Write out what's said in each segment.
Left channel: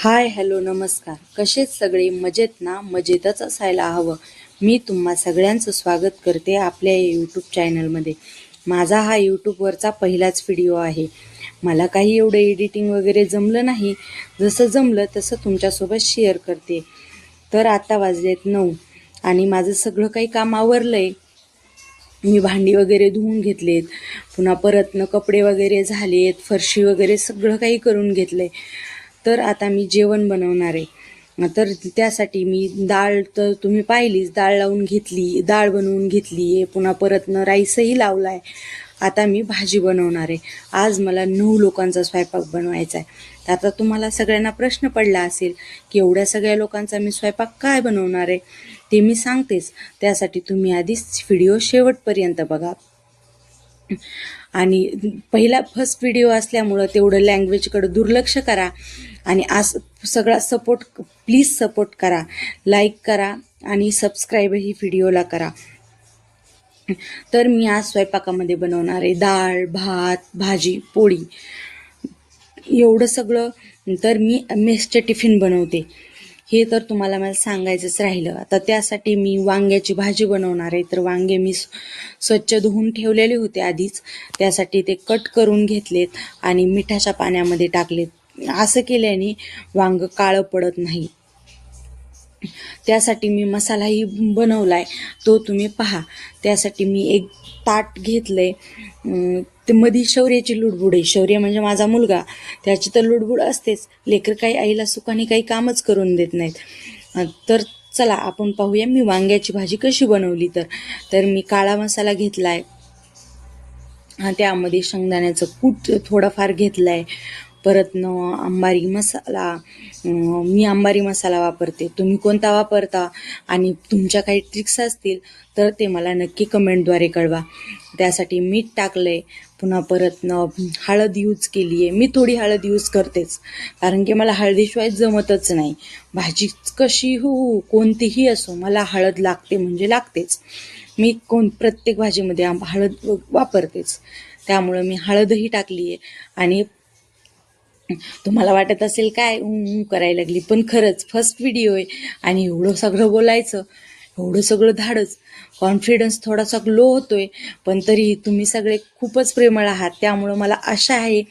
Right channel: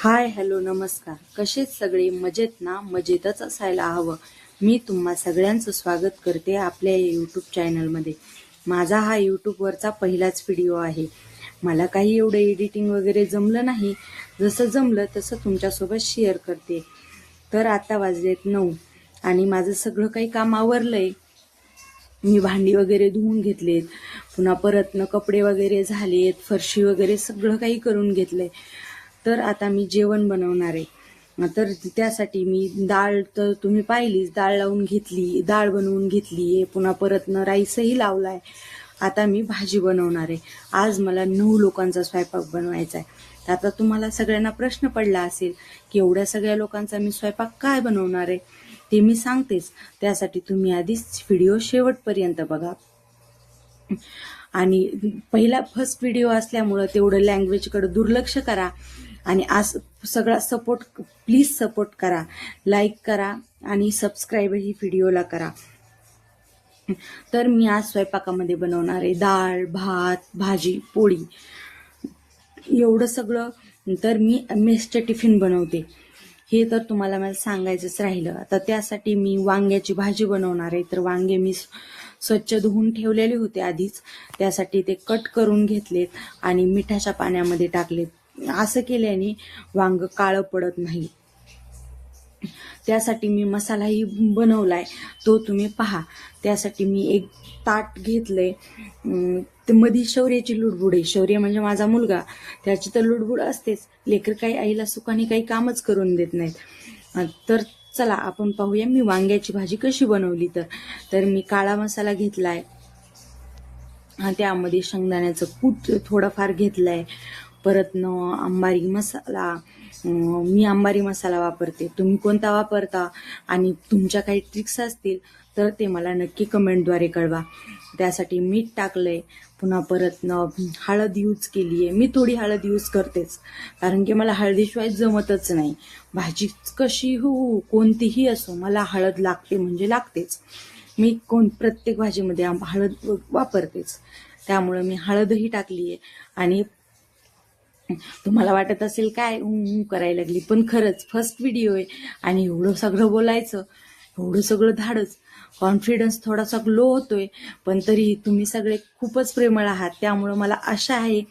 Hi hello नमस्कार. कसेच सगळे मजेत ना? मजेतच असायला हवं. मी तुम्हा सगळ्यांचं स्वागत करते आपल्या यूट्यूब चॅनलमध्ये. माझा हा यूट्यूबवरचा पहिलाच व्हिडिओ आहे. मला काही एवढं एडिटिंग वगैरे जमलं नाही. जसं जमलं तसं तुमच्यासोबत शेअर करते. तर आता वाजलेत 9 आणि माझं सगळं काही काम आवरलंय. मी भांडी वगैरे धुवून घेतलेत, पुन्हा परतनं कपडे वगैरे झालेत, फरशी वगैरे सगळं काही करून घेतलंय. तर आता मी जेवण बनवणार आहे. तर त्यासाठी मी डाळ तर तुम्ही पाहिलीच, डाळ लावून घेतली, डाळ बनवून घेतली आहे, पुन्हा परतनं राईसही लावला आहे. आता मी भाजी बनवणार आहे. आज मला 9 लोकांचा स्वयंपाक बनवायचा आहे. आता तुम्हाला सगळ्यांना प्रश्न पडला असेल की एवढ्या सगळ्या लोकांचा मी स्वयंपाक काय बनवणार आहे, ते मी सांगतेच. त्यासाठी तुम्ही आधीच व्हिडिओ शेवटपर्यंत बघा. आणि पहिला फर्स्ट व्हिडिओ असल्यामुळं तेवढं लँग्वेजकडं दुर्लक्ष करा आणि आज सगळा सपोर्ट प्लीज सपोर्ट करा, लाईक करा आणि सबस्क्राईबही व्हिडिओला करा. तर मी आज स्वयंपाकामध्ये बनवणार आहे डाळ, भात, भाजी, पोळी एवढं सगळं. तर मी मेसचे टिफिन बनवते हे तर तुम्हाला मला सांगायचंच राहिलं. आता त्यासाठी मी वांग्याची भाजी बनवणार आहे. तर वांगे मी स्वच्छ धुवून ठेवलेले होते आधीच. त्यासाठी ते कट करून घेतलेत आणि मिठाच्या पाण्यामध्ये टाकलेत. असं केल्याने वांग काळं पडत नाही. त्यासाठी मी मसालाही बनवलाय, तो तुम्ही पहा. त्यासाठी मी एक ताट घेतलंय. ते मधी शौर्याची लुडबुड आहे. शौर्य म्हणजे माझा मुलगा, त्याची तर लुडबुड असतेच. लेकर काही आईला सुखाने काही कामच करून देत नाहीत. तर चला आपण पाहूया मी वांग्याची भाजी कशी बनवली. तर मी काळा मसाला घेतलाय, त्यामध्ये शेंगदाण्याचं कूट थोडंफार घेतलंय. परतनं अंबारी मसाला, मी अंबारी मसाला वापरते. तुम्ही कोणता वापरता आणि तुमच्या काही ट्रिक्स असतील तर ते मला नक्की कमेंटद्वारे कळवा. त्यासाठी मीठ टाकलंय. पुन्हा परतनं हळद यूज केली आहे. मी थोडी हळद यूज करतेच, कारण की मला हळदीशिवाय जमतच नाही. भाजी कशी हो कोणतीही असो, मला हळद लागते म्हणजे लागतेच. मी प्रत्येक भाजीमध्ये हळद वापरतेच. त्यामुळं मी हळदही टाकली आहे. आणि तुम्हाला वाटत असेल काय करायला लागली, पण खरंच फर्स्ट व्हिडिओ आहे आणि एवढं सगळं बोलायचं, एवढं सगळं धाडच, कॉन्फिडन्स थोडासा लो होतोय. पण तरी तुम्ही सगळे खूपच प्रेमळ आहात. त्यामुळं मला आशा आहे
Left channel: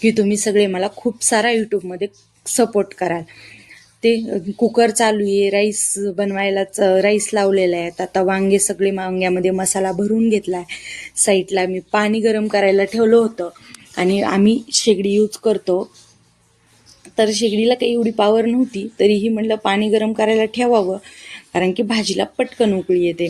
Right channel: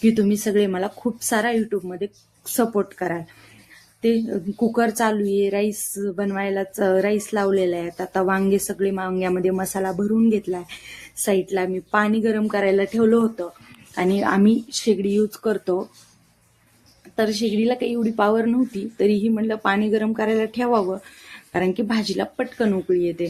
की तुम्ही सगळे मला खूप सारा यूट्यूबमध्ये सपोर्ट कराल. ते कुकर चालू आहे, राईस बनवायलाच राईस लावलेला आहे. आता वांगे सगळे वांग्यामध्ये मसाला भरून घेतला आहे. साईडला मी पाणी गरम करायला ठेवलं होतं आणि आम्ही शेगडी यूज करतो. तर शेगडीला काही एवढी पॉवर नव्हती, तरीही म्हटलं पाणी गरम करायला ठेवावं, कारण की भाजीला पटकन उकळी येते.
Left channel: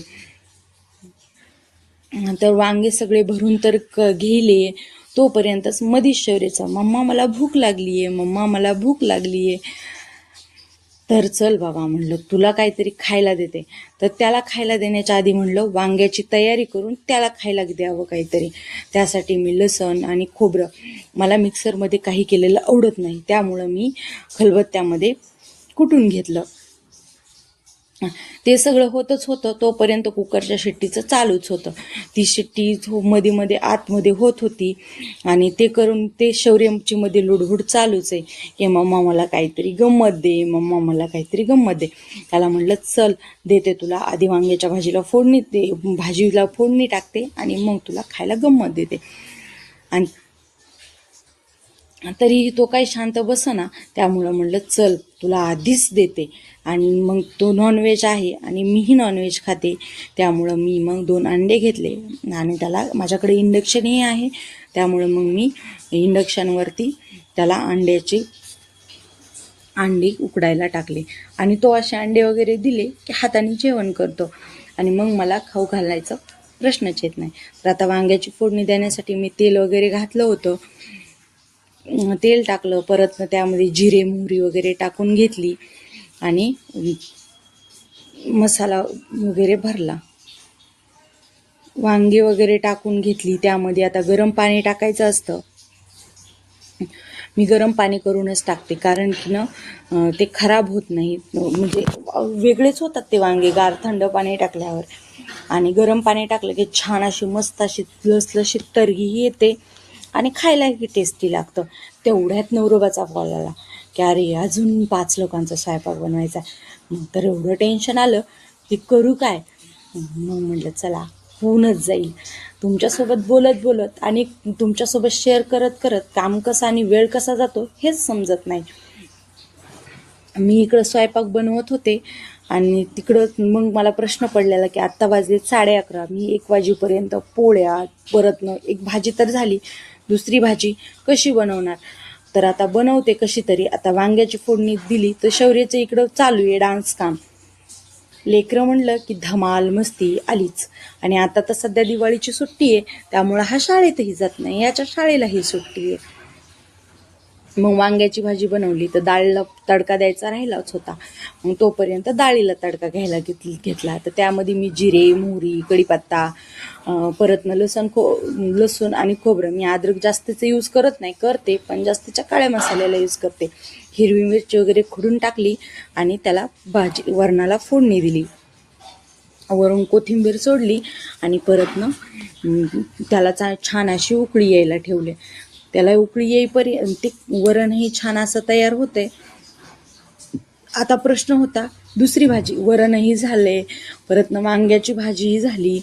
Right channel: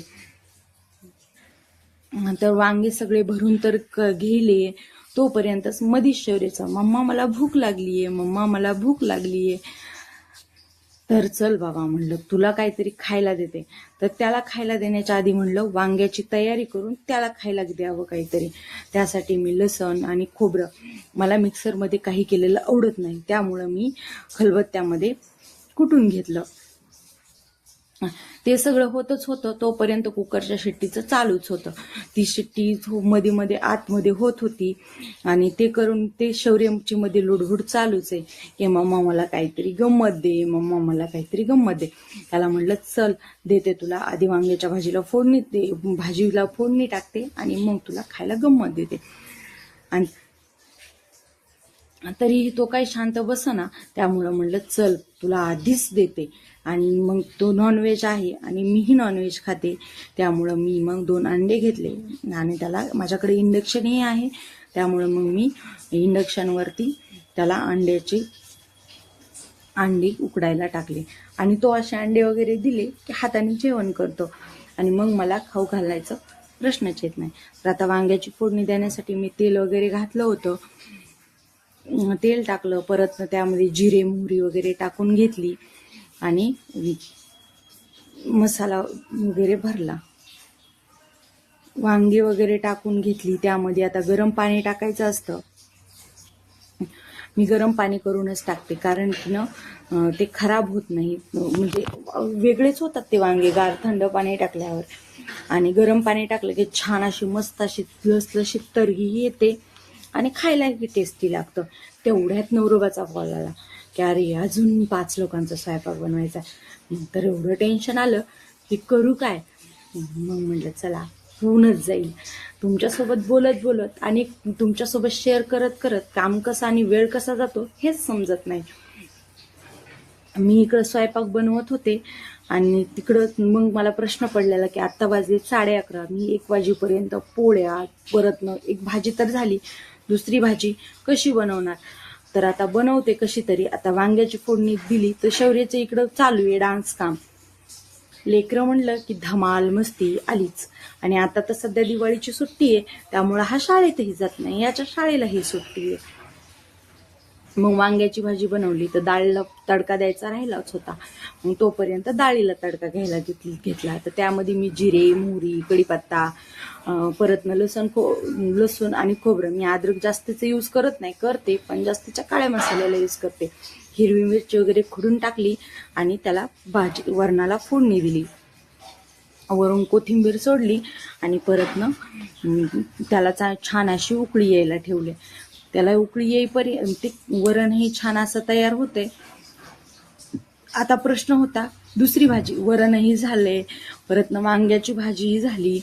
तर वांगे सगळे भरून तर घेले. तोपर्यंतच मधीच शौर्याचा मम्मा मला भूक लागली आहे, मम्मा मला भूक लागली आहे. तर चल बाबा म्हणलं तुला काहीतरी खायला देते. तर त्याला खायला देण्याच्या आधी म्हणलं वांग्याची तयारी करून त्याला खायला द्यावं काहीतरी. त्यासाठी मी लसण आणि खोबरं, मला मिक्सरमध्ये काही केलेलं आवडत नाही, त्यामुळं मी खलबत्त्यामध्ये कुटून घेतलं. ते सगळं होतच होतं तोपर्यंत कुकरच्या शिट्टीचं चालूच होतं. ती शिट्टी मध्ये मध्ये आतमध्ये होत होती आणि ते करून ते शौर्यची मध्ये लुडबुड चालूच आहे की मम्मा मला काहीतरी गंमत दे, मम्मा मला काहीतरी गंमत दे. त्याला म्हटलं चल देते तुला, आधी वांग्याच्या भाजीला फोडणी दे, भाजीला फोडणी टाकते आणि मग तुला खायला गंमत देते. आणि तरीही तो काही शांत बसना. त्यामुळं म्हणलं चल तुला आधीच देते. आणि मग तो नॉनव्हेज आहे आणि मीही नॉनव्हेज खाते, त्यामुळं मी मग 2 अंडे घेतले आणि त्याला, माझ्याकडे इंडक्शनही आहे, त्यामुळं मग मी इंडक्शनवरती त्याला अंडी उकडायला टाकले आणि तो असे अंडे वगैरे दिले की हाताने जेवण करतो आणि मग मला खाऊ घालायचा प्रश्नच येत नाही. तर आता वांग्याची फोडणी देण्यासाठी मी तेल वगैरे घातलं होतं. तेल टाकलं, परत त्यामध्ये जिरे मोहरी वगैरे टाकून घेतली आणि मसाला वगैरे भरला. वांगे वगैरे टाकून घेतली. त्यामध्ये आता गरम पाणी टाकायचं असतं. मी गरम पाणी करूनच टाकते, कारण की ना ते खराब होत नाही, म्हणजे वेगळेच होतात ते वांगे गार थंड पाणी टाकल्यावर. आणि गरम पाणी टाकलं की छान अशी मस्त अशी लसलशीत तर्रीही येते आणि खायलाही टेस्टी लागतं. तेवढ्यात नवरोबाचा कॉल आला. की अरे अजून 5 लोकांचा स्वयंपाक बनवायचा. मग तर एवढं टेन्शन आलं की करू काय. मग म्हटलं चला होऊनच जाईल. तुमच्यासोबत बोलत बोलत आणि तुमच्यासोबत शेअर करत करत काम कसं आणि वेळ कसा जातो हेच समजत नाही. मी इकडं स्वयंपाक बनवत होते आणि तिकडं मग मला प्रश्न पडलेला की आत्ता वाजले 11:30. मी 1 वाजेपर्यंत पोळ्या परतनं एक भाजी तर झाली, दुसरी भाजी कशी बनवणार. तर आता बनवते कशी तरी. आता वांग्याची फोडणी दिली तर शौर्याचं इकडं चालू आहे डान्स काम. लेकरं म्हणलं की धमाल मस्ती आलीच. आणि आता तर सध्या दिवाळीची सुट्टी आहे, त्यामुळं हा शाळेतही जात नाही, याच्या शाळेलाही सुट्टी आहे. मग वांग्याची भाजी बनवली तर डाळीला तडका द्यायचा राहिलाच होता. मग तोपर्यंत डाळीला तडका घ्यायला घेतला. तर त्यामध्ये मी जिरे, मोहरी, कढीपत्ता, परतनं लसूण आणि खोबरं. मी अद्रक जास्तीचं यूज करत नाही, करते पण जास्तीच्या काळ्या मसाल्याला यूज करते. हिरवी मिरची वगैरे खुडून टाकली आणि त्याला वरणाला फोडणी दिली. वरून कोथिंबीर सोडली आणि परतनं त्याला छान अशी उकळी यायला ठेवले. त्याला उकळी येईपर्यंत ते वरणही छान असं तयार होते. आता प्रश्न होता दुसरी भाजी. वरणही झाले, परतनं वांग्याची भाजीही झाली.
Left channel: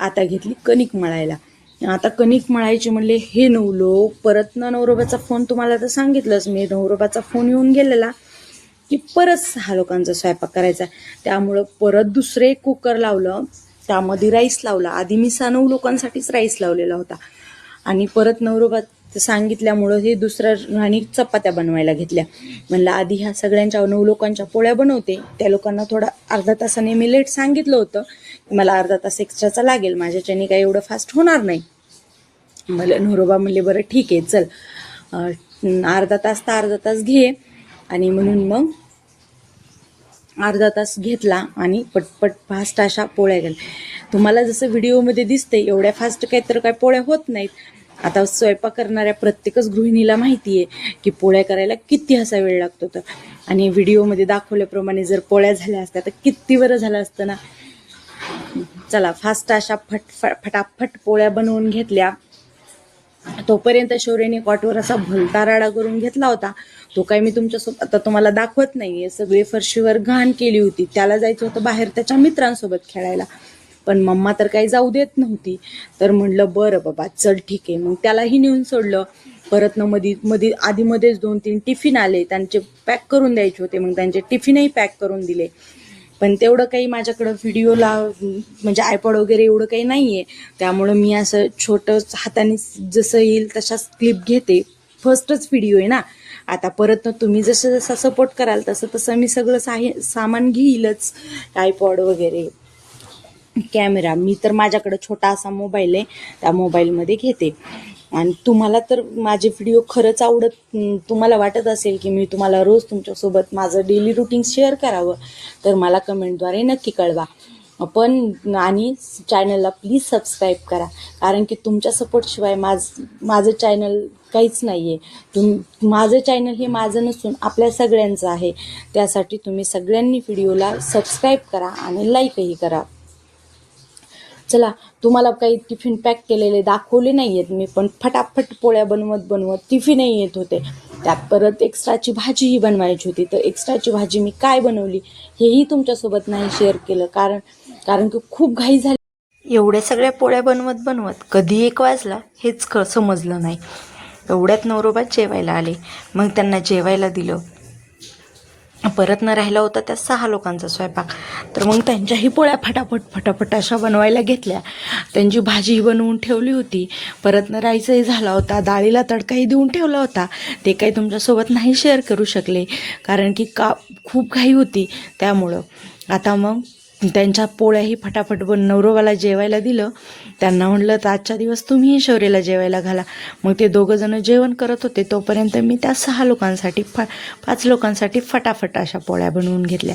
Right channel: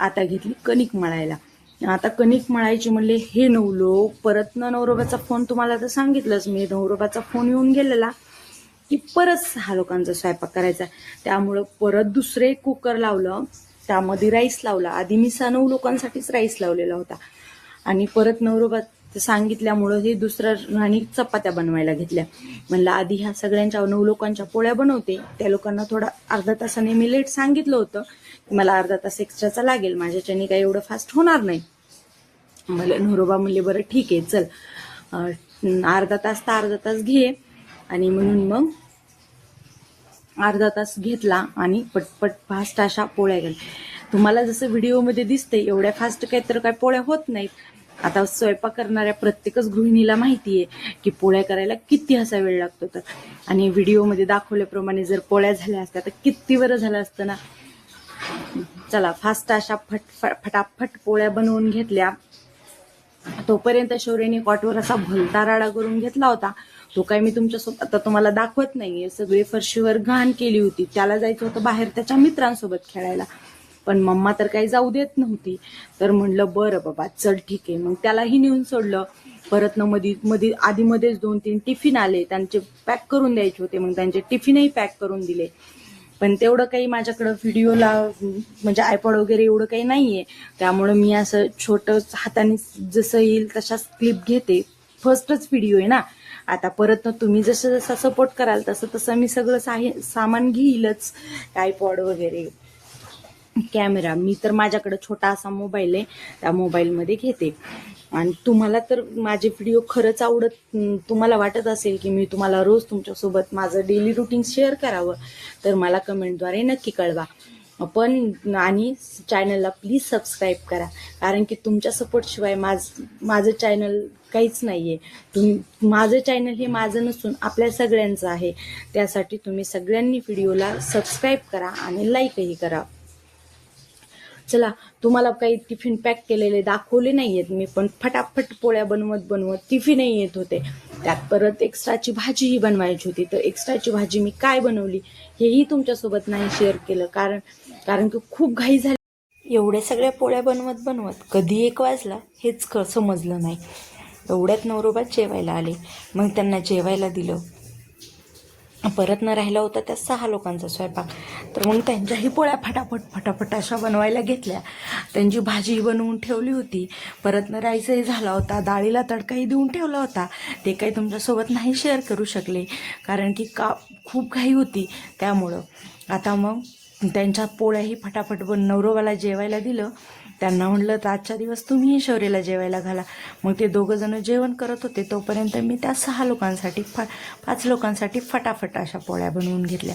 आता घेतली कणिक मळायला. आता कणिक मळायची म्हणले हे नवलो. परतनं नवरोबाचा फोन, तुम्हाला तर सांगितलंच मी, नवरोबाचा फोन येऊन गेलेला की परत 6 लोकांचा स्वयंपाक करायचा. त्यामुळं परत दुसरे कुकर लावलं, त्यामध्ये राईस लावला. आधी मी 9 लोकांसाठीच राईस लावलेला होता आणि परत नवरोबा सांगितल्यामुळं हे दुसरं आणि चपात्या बनवायला घेतल्या. म्हणलं आधी ह्या सगळ्यांच्या 9 लोकांच्या पोळ्या बनवते. त्या लोकांना थोडा अर्धा तासाने मी लेट सांगितलं होतं की मला अर्धा तास एक्स्ट्राचा लागेल, माझ्याच्याने काही एवढं फास्ट होणार नाही. मला नवरोबा म्हणले बरं ठीक आहे चल, अर्धा तास घे. आणि म्हणून मग अर्धा तास घेतला आणि पटपट फास्ट अशा पोळ्या गेल्या. तुम्हाला जसं व्हिडिओमध्ये दिसते एवढ्या फास्ट काही तर काय पोळ्या होत नाहीत. आता स्वयंपाक करणाऱ्या प्रत्येकच गृहिणीला माहिती आहे की पोळ्या करायला किती असा वेळ लागतो. तर आणि व्हिडिओमध्ये दाखवल्याप्रमाणे जर पोळ्या झाल्या असत्या तर किती बरं झालं असतं ना. चला फास्ट अशा फटाफट पोळ्या बनवून घेतल्या. तोपर्यंत शौर्याने कॉटवर असा भलता राडा करून घेतला होता. तो काही मी तुमच्यासोबत आता तुम्हाला दाखवत नाहीये. सगळे फरशीवर घाण केली होती. त्याला जायचं होतं बाहेर त्याच्या मित्रांसोबत खेळायला, पण मम्मा तर काही जाऊ देत नव्हती. तर म्हणलं बरं बाबा चल ठीक आहे. मग त्यालाही नेऊन सोडलं. परत मध्ये आधीमध्येच 2-3 टिफिन आले, त्यांचे पॅक करून द्यायचे होते. मग त्यांचे टिफिनही पॅक करून दिले. पण तेवढं काही माझ्याकडं व्हिडिओला म्हणजे आयपॉड वगैरे एवढं काही नाही आहे, त्यामुळं मी असं छोटं हाताने जसं येईल तशाच क्लिप घेते. फर्स्टच व्हिडिओ आहे ना. आता परत तुम्ही जसं जसा सपोर्ट कराल तसं तसं मी सगळं सामान घेईलच. आयपॉड वगैरे, कॅमेरा. मी तर माझ्याकडे छोटा असा मोबाईल आहे, त्या मोबाईलमध्ये घेते. आणि तुम्हाला तर माझे व्हिडिओ खरंच तुम्हाला वाटत असेल की मी तुम्हाला रोज तुमच्यासोबत माझं डेली रुटीन शेअर करावं, तर मला कमेंटद्वारे नक्की कळवा. पण आणि चॅनलला प्लीज सबस्क्राईब करा, कारण की तुमच्या सपोर्टशिवाय माझं चॅनल काहीच नाही आहे. माझं चॅनल हे माझं नसून आपल्या सगळ्यांचं आहे. त्यासाठी तुम्ही सगळ्यांनी व्हिडिओला सबस्क्राईब करा आणि लाईकही करा. चला, तुम्हाला काही टिफिन पॅक केलेले दाखवले नाही आहेत मी, पण फटाफट पोळ्या बनवत टिफिनही येत होते. त्यात परत एक्स्ट्राची भाजीही बनवायची होती. तर एक्स्ट्राची भाजी मी काय बनवली हेही तुमच्यासोबत नाही शेअर केलं, कारण की खूप घाई झाली. एवढ्या सगळ्या पोळ्या बनवत कधी 1 वाजला हेच समजलं नाही. एवढ्यात नवरोबा जेवायला आले. मग त्यांना जेवायला दिलं. परत न राहिला होता त्या 6 लोकांचा स्वयंपाक. तर मग त्यांच्याही पोळ्या फटाफट अशा बनवायला घेतल्या. त्यांची भाजीही बनवून ठेवली होती. परत न राईसही झाला होता. डाळीला तडकाही देऊन ठेवला होता. ते काही तुमच्यासोबत नाही शेअर करू शकले, कारण की खूप घाई होती त्यामुळं. आता मग त्यांच्या पोळ्याही फटाफट नवरोबाला जेवायला दिलं. त्यांना म्हणलं तर आजच्या दिवस तुम्हीही शौर्याला जेवायला घाला. मग ते 2 जण जेवण करत होते. तोपर्यंत मी त्या 6 लोकांसाठी 5 लोकांसाठी फटाफट अशा पोळ्या बनवून घेतल्या.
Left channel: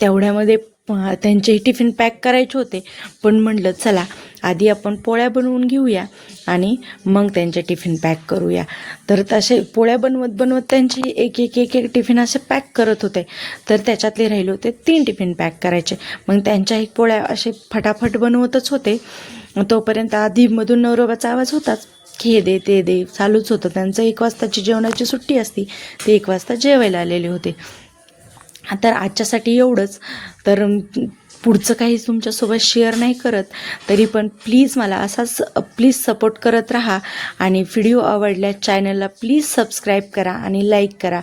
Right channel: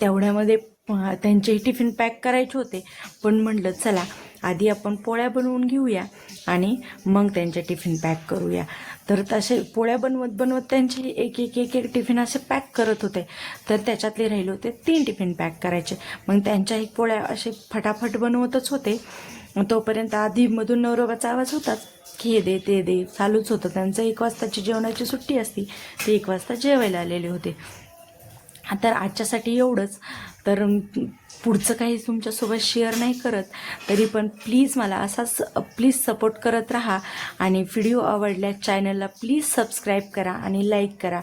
तेवढ्यामध्ये त्यांचे टिफिन पॅक करायचे होते, पण म्हणलं चला आधी आपण पोळ्या बनवून घेऊया आणि मग त्यांचे टिफिन पॅक करूया. तर तसे पोळ्या बनवत त्यांची एक टिफिन असे पॅक करत होते. तर त्याच्यातले राहिले होते 3 टिफिन पॅक करायचे. मग त्यांच्याही पोळ्या असे फटाफट बनवतच होते. तोपर्यंत आधीमधून नवरोबाचा आवाज होताच. हे दे ते दे चालूच होतं त्यांचं. 1 वाजताची जेवणाची सुट्टी असती, ते 1 वाजता जेवायला आलेले होते. तर आजच्यासाठी एवढंच. तर पुढचं काही तुमच्यासोबत शेअर नाही करत, तरी पण प्लीज मला असाच प्लीज सपोर्ट करत राहा. आणि व्हिडिओ आवडल्यास चॅनलला प्लीज सबस्क्राईब करा आणि लाईक करा.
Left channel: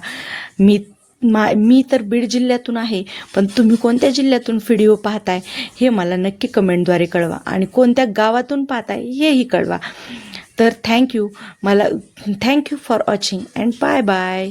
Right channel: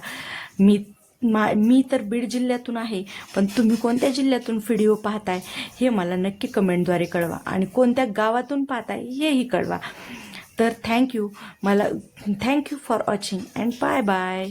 मी तर बीड जिल्ह्यातून आहे, पण तुम्ही कोणत्या जिल्ह्यातून व्हिडिओ पाहताय हे मला नक्की कमेंटद्वारे कळवा, आणि कोणत्या गावातून पाहताय हेही कळवा. तर thank you for watching and bye bye.